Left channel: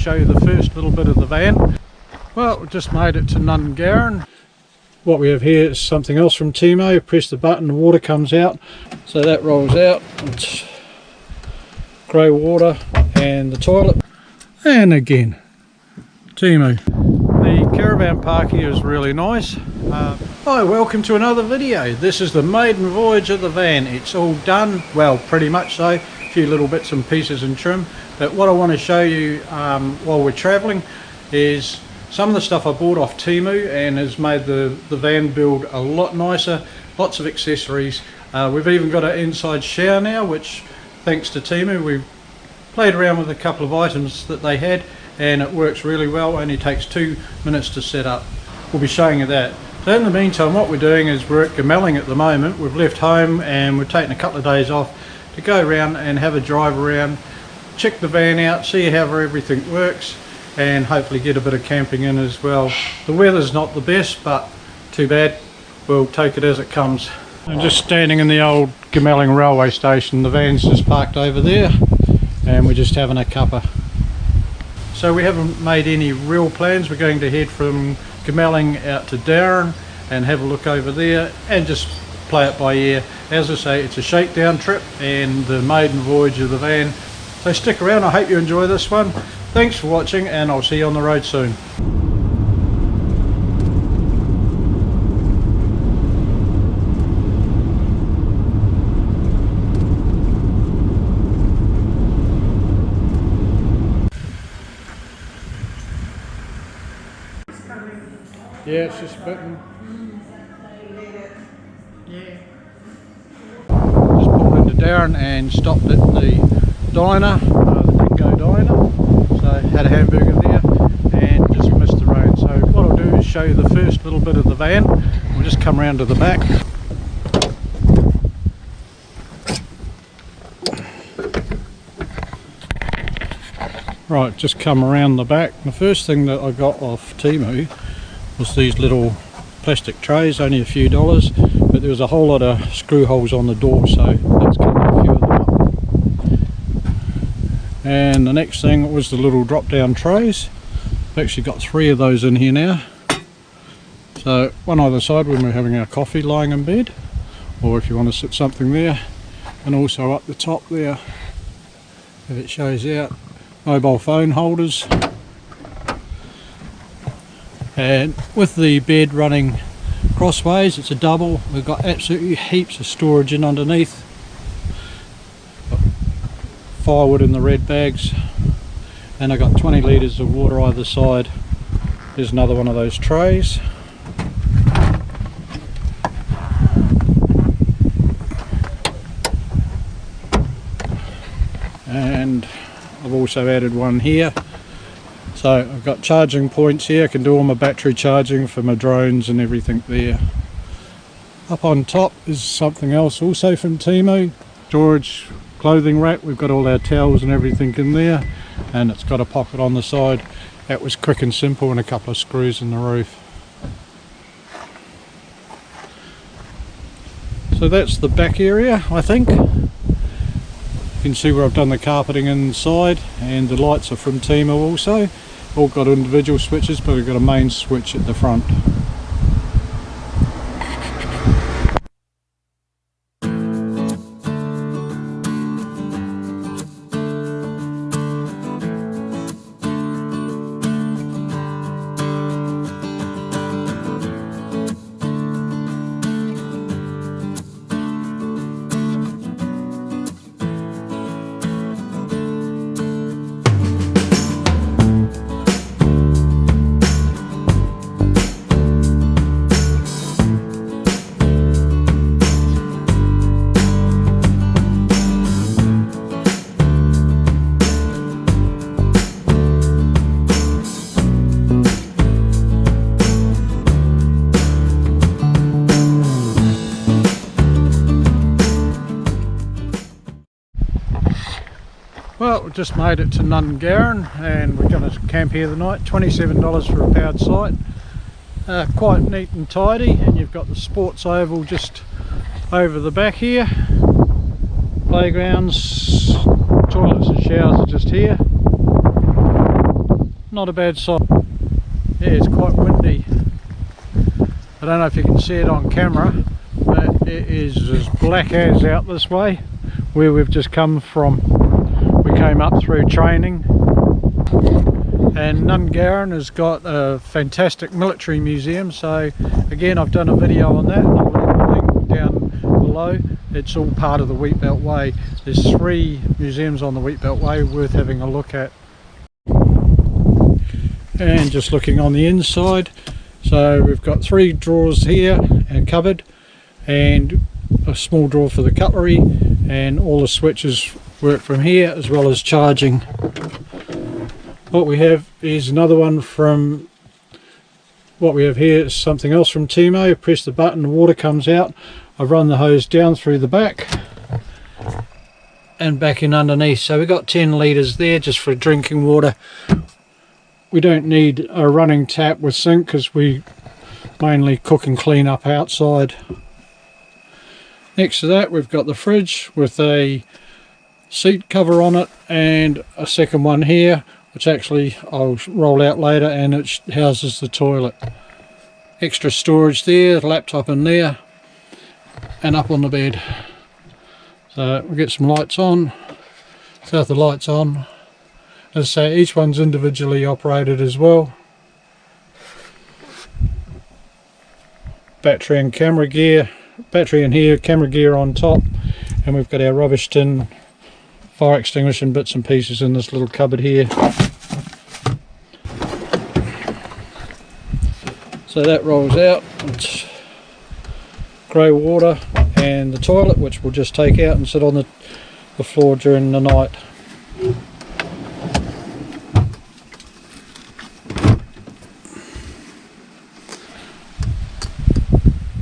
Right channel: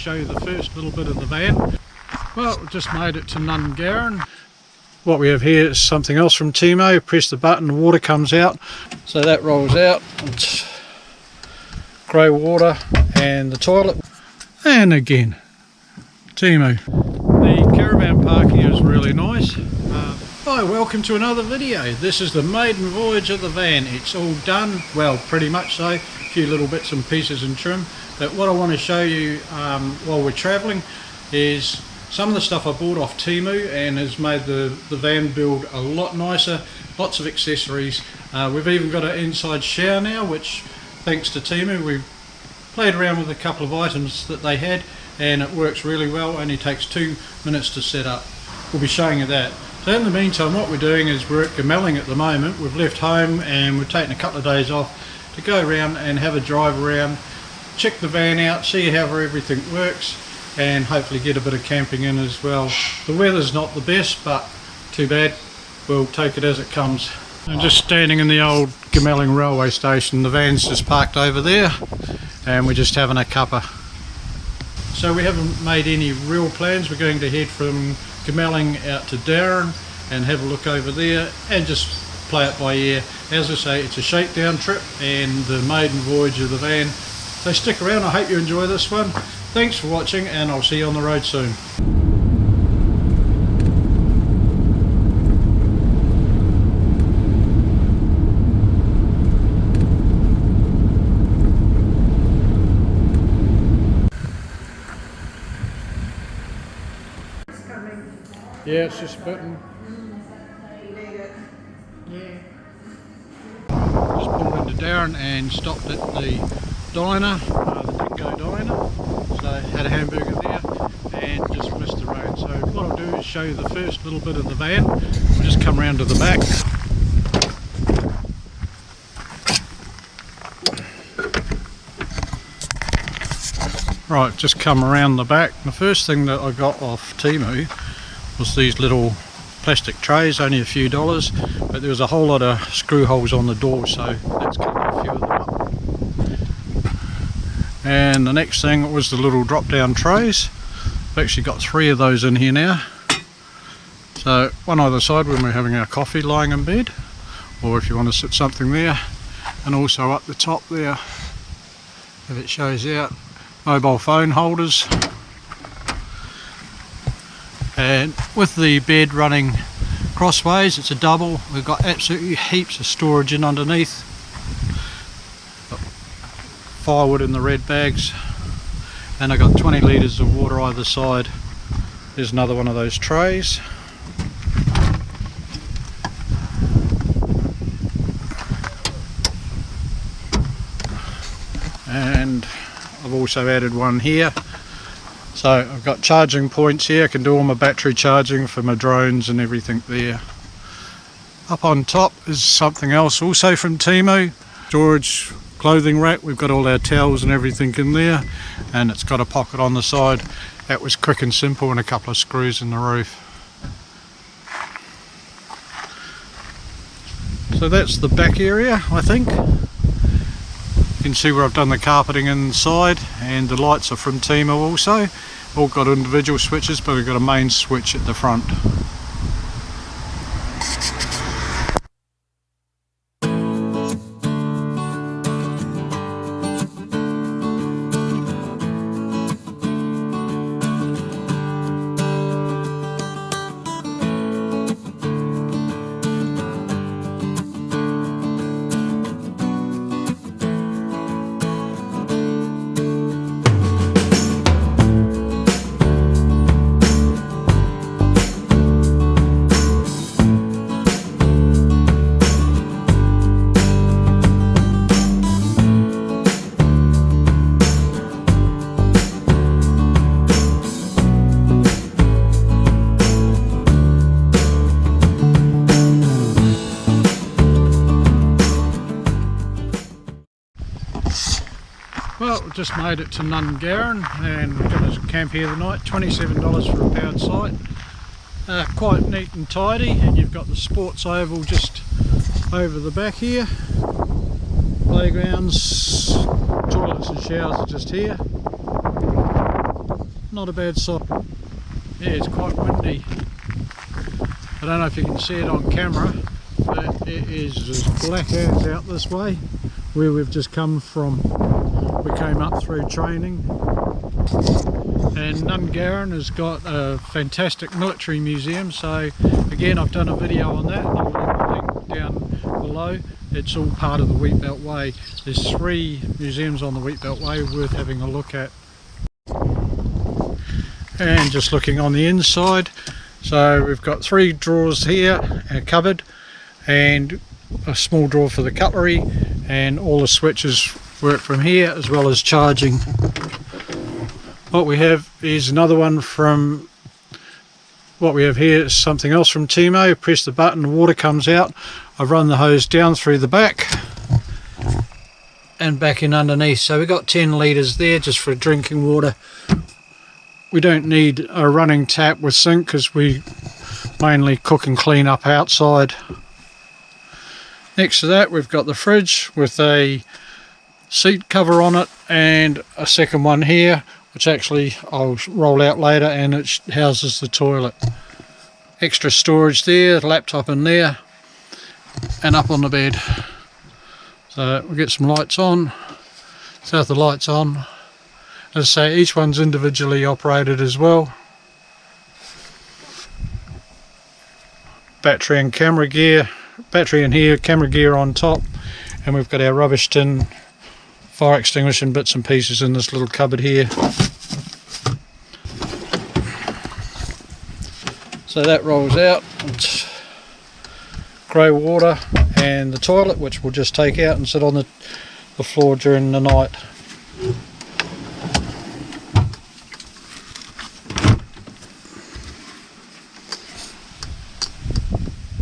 show you the first little bit of the van. Well, we just made it to Nunar. What we have here is something else from TEMU. Press the button, the water comes out. So that rolls out. It's grey water and the toilet. And again, TEMU. The caravan park here is really nice. Hi, welcome to another video. This is the maiden voyage of the van. It's all done, well, pretty much so. A few little bits and pieces and trim. But what I want to show you while we're travelling is some of the stuff I bought off TEMU and has made the van build a lot nicer. Lots of accessories. We've even got an inside shower now, which thanks to TEMU, we've played around with a couple of items that they had and it works really well. Only takes 2 minutes to set up. We'll be showing you that. So in the meantime, what we're doing is we're at Gamelling at the moment. We've left home and we've taken a couple of days off to go around and have a drive around, check the van out, see how everything works, and hopefully get a bit of camping in as well. The weather's not the best, but too bad. We'll take it as it comes. I'm just standing in the old Gamelling railway station. The van's just parked over there and we're just having a cuppa. So we haven't made any real plans. We're going to head from Gamelling out to Darren and have a look over there and just play it by ear. As I say, it's a shakedown trip and the maiden voyage of the van. So stick around, I hope you enjoy this one. Thanks for watching and I'll see you on the road soon. Yeah, it's just a button. Just pulled into Darren and stopped at the diner, the Dingo Diner. So had a hamburger there and just missed the road. So what I'll do is show you the first little bit of the van. We'll just come around to the back. Right, just come around the back. The first thing that I got off TEMU was these little plastic trays, only a few dollars, but there was a whole lot of screw holes on the door, so that's cutting a few of them up. And the next thing was the little drop down trays. I've actually got 3 of those in here now, so one either side when we're having our coffee lying in bed, or if you want to sit something there. And also up the top there, if it shows out, mobile phone holders. And with the bed running crossways, it's a double. We've got absolutely heaps of storage in underneath. Got firewood in the red bags, and I've got 20 litres of water either side. There's another one of those trays. And I've also added one here. So I've got charging points here. I can do all my battery charging for my drones and everything there. Up on top is something else also from TEMU. Storage clothing rack. We've got all our towels and everything in there, and it's got a pocket on the side. That was quick and simple, and a couple of screws in the roof. So that's the back area, I think. You can see where I've done the carpeting inside, and the lights are from TEMU also. All got individual switches, but we've got a main switch at the front. Well, we just made it to Nunar and we're going to camp here tonight. $27 for a powered site. Quite neat and tidy, and you've got the sports oval just over the back here. Playgrounds, toilets and showers are just here. not a bad size. Yeah, it's quite windy. I don't know if you can see it on camera, but it is as black as out this way where we've just come from. We came up through training, and Nunar has got a fantastic military museum, so again I've done a video on that and I'll leave the link down below. It's all part of the Wheatbelt Way. There's 3 museums on the Wheatbelt Way worth having a look at. And just looking on the inside, so we've got 3 drawers here, a cupboard and a small drawer for the cutlery, and all the switches work from here, as well as charging. What we have is another one from, what we have here is something else from TEMU. Press the button, the water comes out. I run the hose down through the back and back in underneath. So we've got 10 litres there just for drinking water. We don't need a running tap with sink because we mainly cook and clean up outside. Next to that we've got the fridge with a seat cover on it and a second one here, which actually I'll roll out later, and it houses the toilet. Extra storage there, laptop in there, and up on the bed. So we'll get some lights on. So with the lights on, as I say, each one's individually operated as well. Battery and camera gear, battery in here, camera gear on top, and we've got our rubbish tin, fire extinguisher and bits and pieces in this little cupboard here. So that rolls out. It's grey water and the toilet, which we'll just take out and sit on the floor during the night.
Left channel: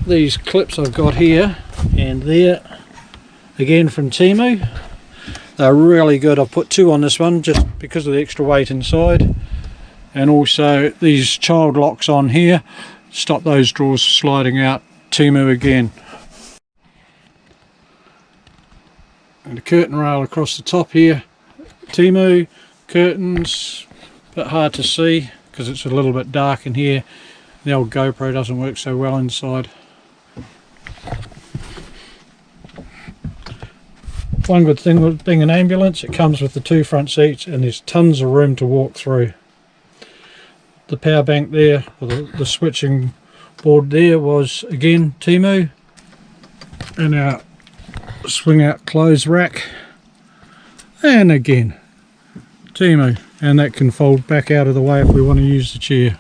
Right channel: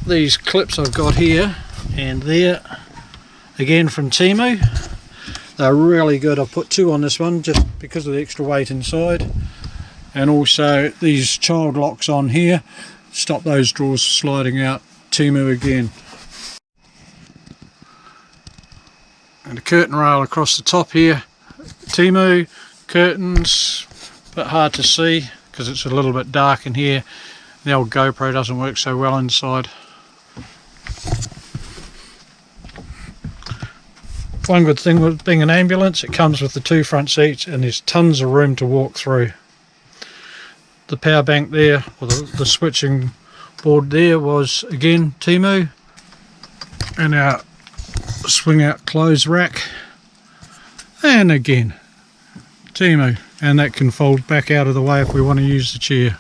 These clips I've got here and there, again from TEMU. They're really good. I've put 2 on this one just because of the extra weight inside, and also these child locks on here stop those drawers sliding out. TEMU again. And a curtain rail across the top here. TEMU curtains, but hard to see because it's a little bit dark in here. The old GoPro doesn't work so well inside. One good thing with being an ambulance, it comes with the 2 front seats and there's tons of room to walk through. The power bank there, or the switching board there, was again TEMU, and our swing out clothes rack, and again TEMU, and that can fold back out of the way if we want to use the chair.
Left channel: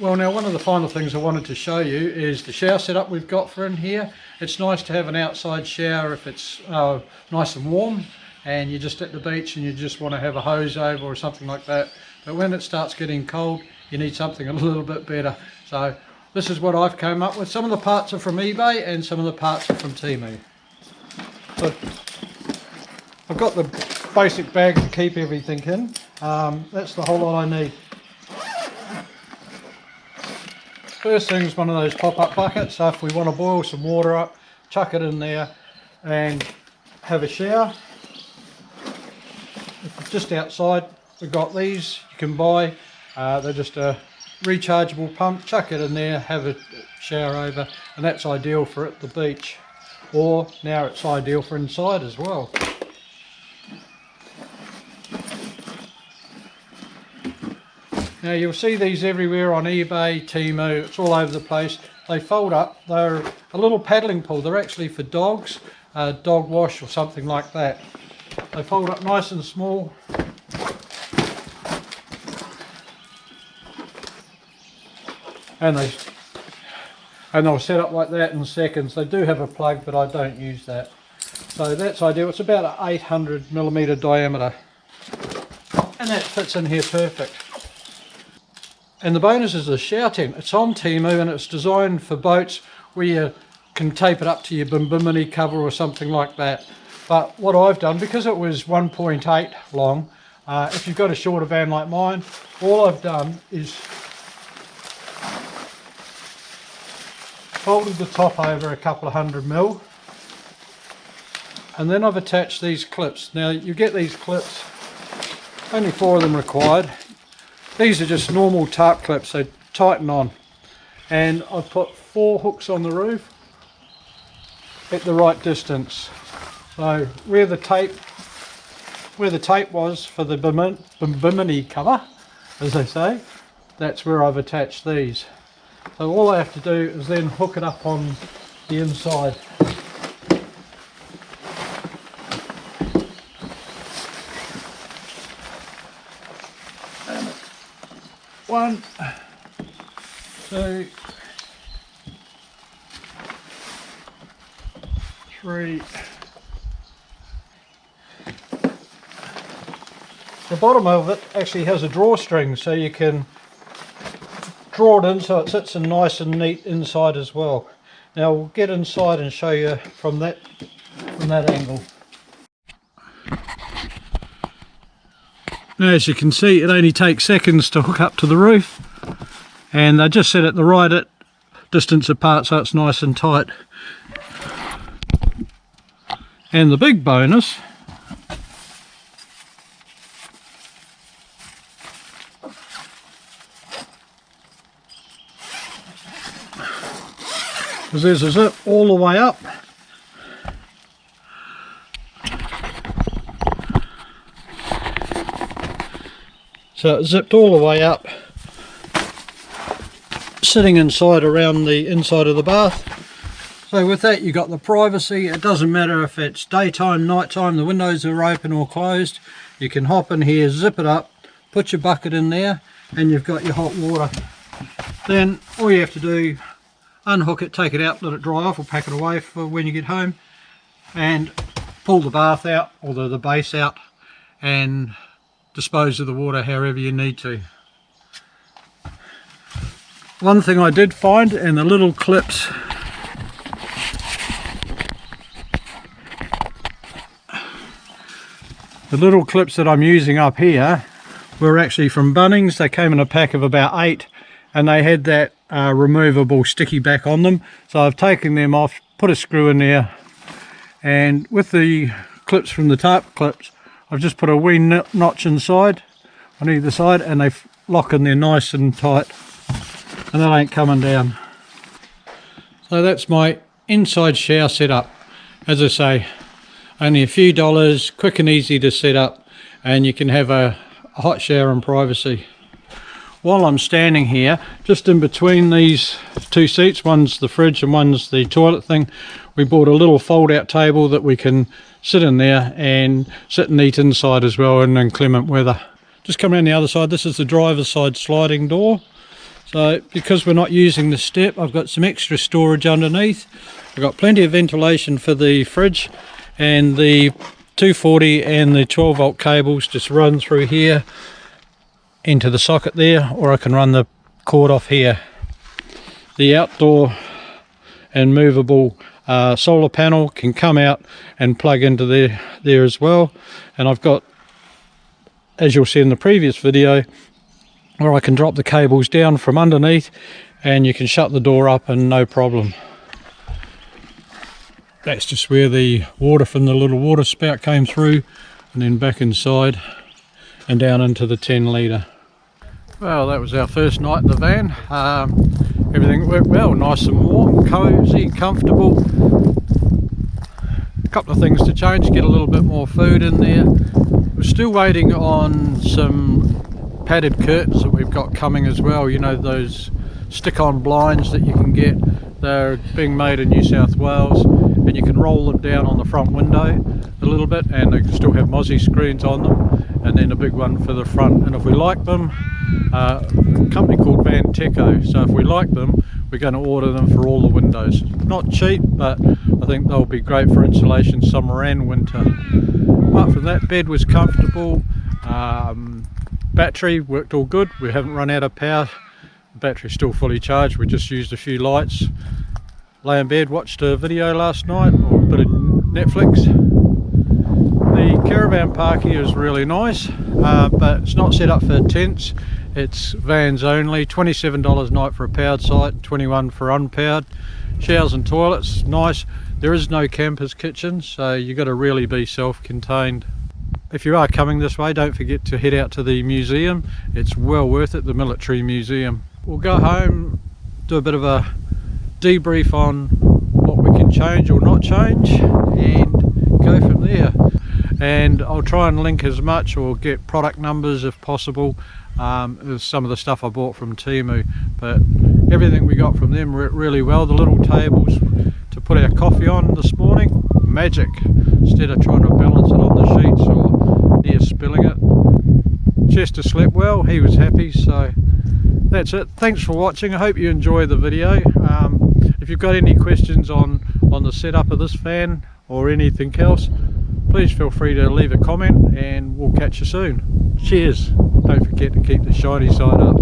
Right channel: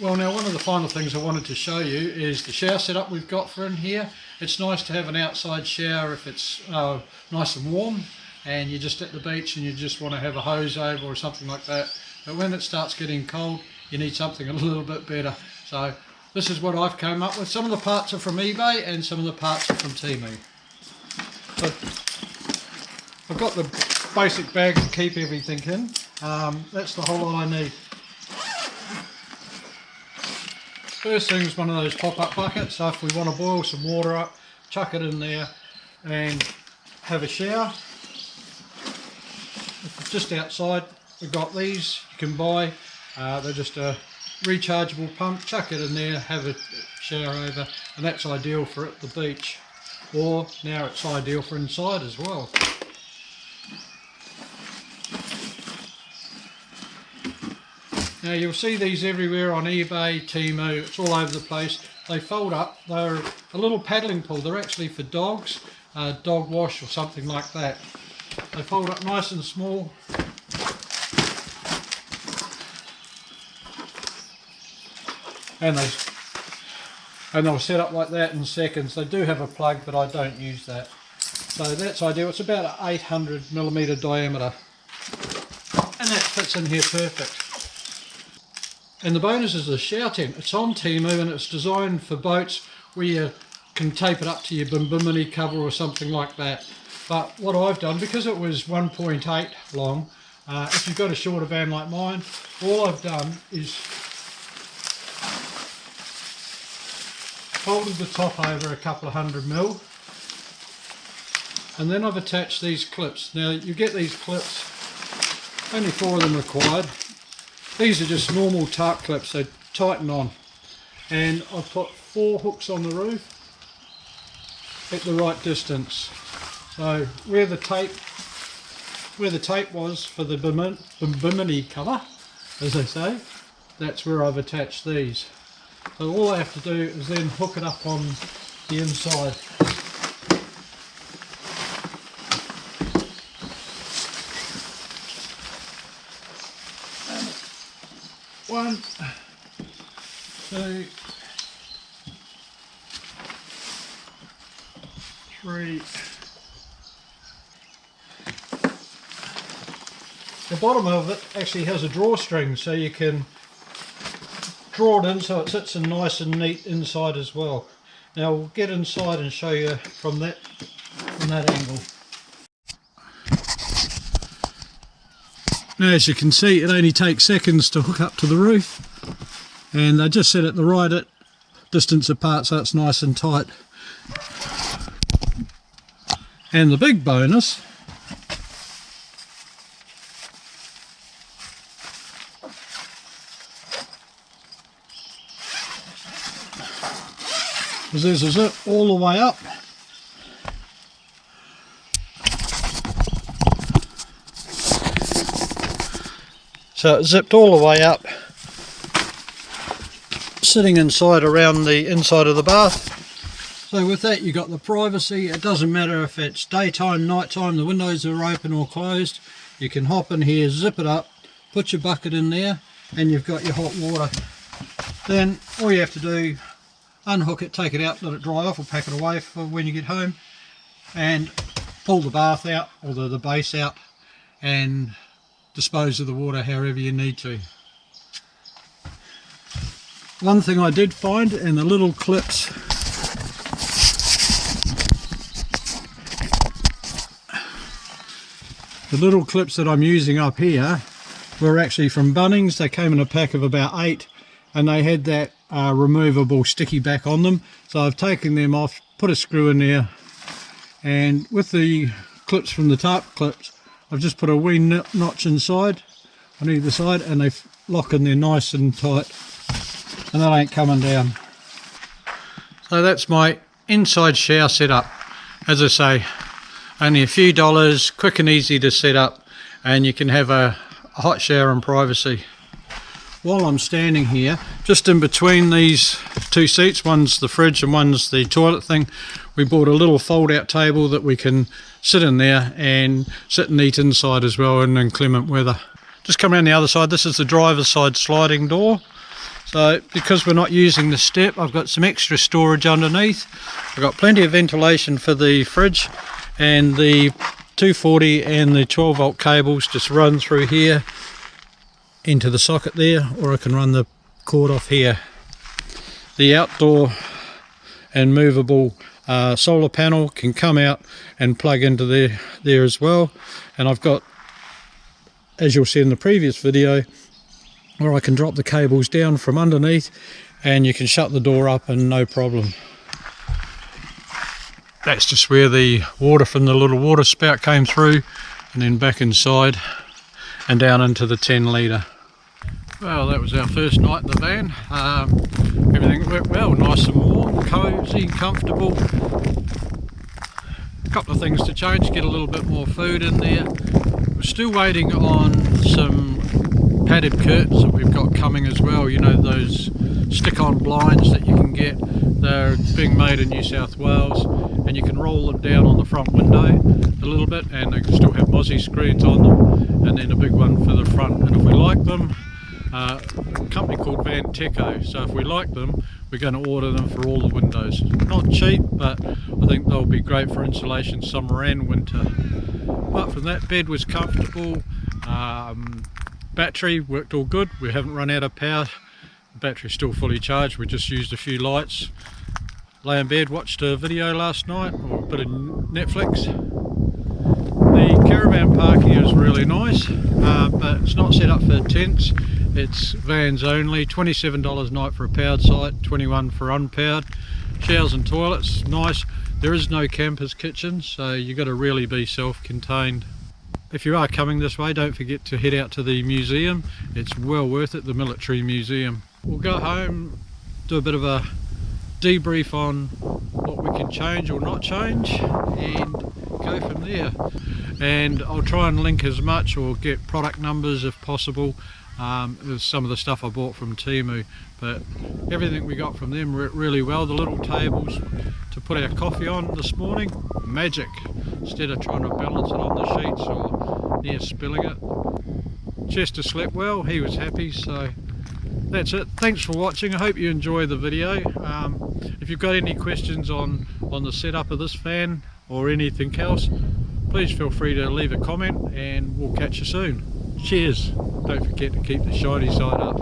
Well, now one of the final things I wanted to show you is the shower setup we've got for in here. It's nice to have an outside shower if it's nice and warm and you're just at the beach and you just want to have a hose over or something like that. But when it starts getting cold, you need something a little bit better. So this is what I've come up with. Some of the parts are from eBay and some of the parts are from TEMU. So I've got the basic bag to keep everything in. That's the whole lot I need. First thing is one of those pop-up buckets, so if we want to boil some water up, chuck it in there and have a shower. If it's just outside, we've got these you can buy. They're just a rechargeable pump, chuck it in there, have a shower over, and that's ideal for at the beach. Or now it's ideal for inside as well. Now you'll see these everywhere on eBay, TEMU, it's all over the place. They fold up, they're a little paddling pool, they're actually for dogs, dog wash or something like that. They fold up nice and small. And they'll set up like that in seconds. They do have a plug, but I don't use that. So that's ideal. It's about an 800mm diameter. And that fits in here perfect. And the bonus is the shower tent. It's on TEMU and it's designed for boats where you can tape it up to your bimini cover or something like that. But what I've done, because it was 1.8 long, if you've got a shorter van like mine, all I've done is folded the top over a couple of 100mm, and then I've attached these clips. Now you get these clips Only 4 of them required. These are just normal tarp clips, they tighten on. And I've put 4 hooks on the roof at the right distance. So where the tape was for the bimini cover, as they say, that's where I've attached these. So all I have to do is then hook it up on the inside. One, two, 3. The bottom of it actually has a drawstring, so you can draw it in so it sits in nice and neat inside as well. Now we'll get inside and show you from that angle. Now as you can see, it only takes seconds to hook up to the roof, and they just set it the right distance apart so it's nice and tight. And the big bonus is there's a zip all the way up. So it zipped all the way up, sitting inside around the inside of the bath. So with that you got the privacy. It doesn't matter if it's daytime, nighttime, the windows are open or closed. You can hop in here, zip it up, put your bucket in there, and you've got your hot water. Then all you have to do, unhook it, take it out, let it dry off, or pack it away for when you get home, and pull the bath out, or the base out, and dispose of the water however you need to. One thing I did find, in the little clips, that I'm using up here were actually from Bunnings. They came in a pack of about 8, and they had that removable sticky back on them. So I've taken them off, put a screw in there, and with the clips from the tarp clips, I've just put a wee notch inside on either side, and they lock in there nice and tight, and that ain't coming down. So that's my inside shower setup. As I say, only a few dollars, quick and easy to set up, and you can have a hot shower in privacy. While I'm standing here, just in between these 2 seats, one's the fridge and one's the toilet thing, we bought a little fold-out table that we can sit in there and sit and eat inside as well in inclement weather. Just come around the other side. This is the driver's side sliding door. So because we're not using the step, I've got some extra storage underneath. I've got plenty of ventilation for the fridge, and the 240 and the 12 volt cables just run through here into the socket there, or I can run the cord off here. The outdoor and movable solar panel can come out and plug into there as well. And I've got, as you'll see in the previous video, where I can drop the cables down from underneath, and you can shut the door up and no problem. That's just where the water from the little water spout came through, and then back inside and down into the 10 litre. Well, that was our first night in the van. Everything worked well, nice and warm, cosy, comfortable. A couple of things to change, get a little bit more food in there. We're still waiting on some padded curtains that we've got coming as well. You know, those stick-on blinds that you can get. They're being made in New South Wales, and you can roll them down on the front window a little bit, and they still have mozzie screens on them, and then a big one for the front. And if we like them, a company called Van Teco, so if we like them, we're going to order them for all the windows. Not cheap, but I think they'll be great for insulation summer and winter. Apart from that, bed was comfortable, battery worked all good, we haven't run out of power. Battery's still fully charged, we just used a few lights. Lay in bed, watched a video last night, or a bit of Netflix. The caravan park here is really nice, but it's not set up for tents, it's vans only. $27 a night for a powered site, $21 for unpowered. Showers and toilets, nice. There is no camper's kitchen, so you've got to really be self-contained. if you are coming this way, don't forget to head out to the museum. It's well worth it, the military museum. We'll go home, do a bit of a debrief on what we can change or not change, and go from there. And I'll try and link as much or get product numbers if possible. There's some of the stuff I bought from TEMU, but everything we got from them worked really well. The little tables to put our coffee on this morning, magic. Instead of trying to balance it on the sheets or near spilling it. Chester slept well, he was happy. So that's it. Thanks for watching. I hope you enjoy the video. If you've got any questions on the setup of this fan or anything else, please feel free to leave a comment and we'll catch you soon. Cheers. Don't forget to keep the shiny side up.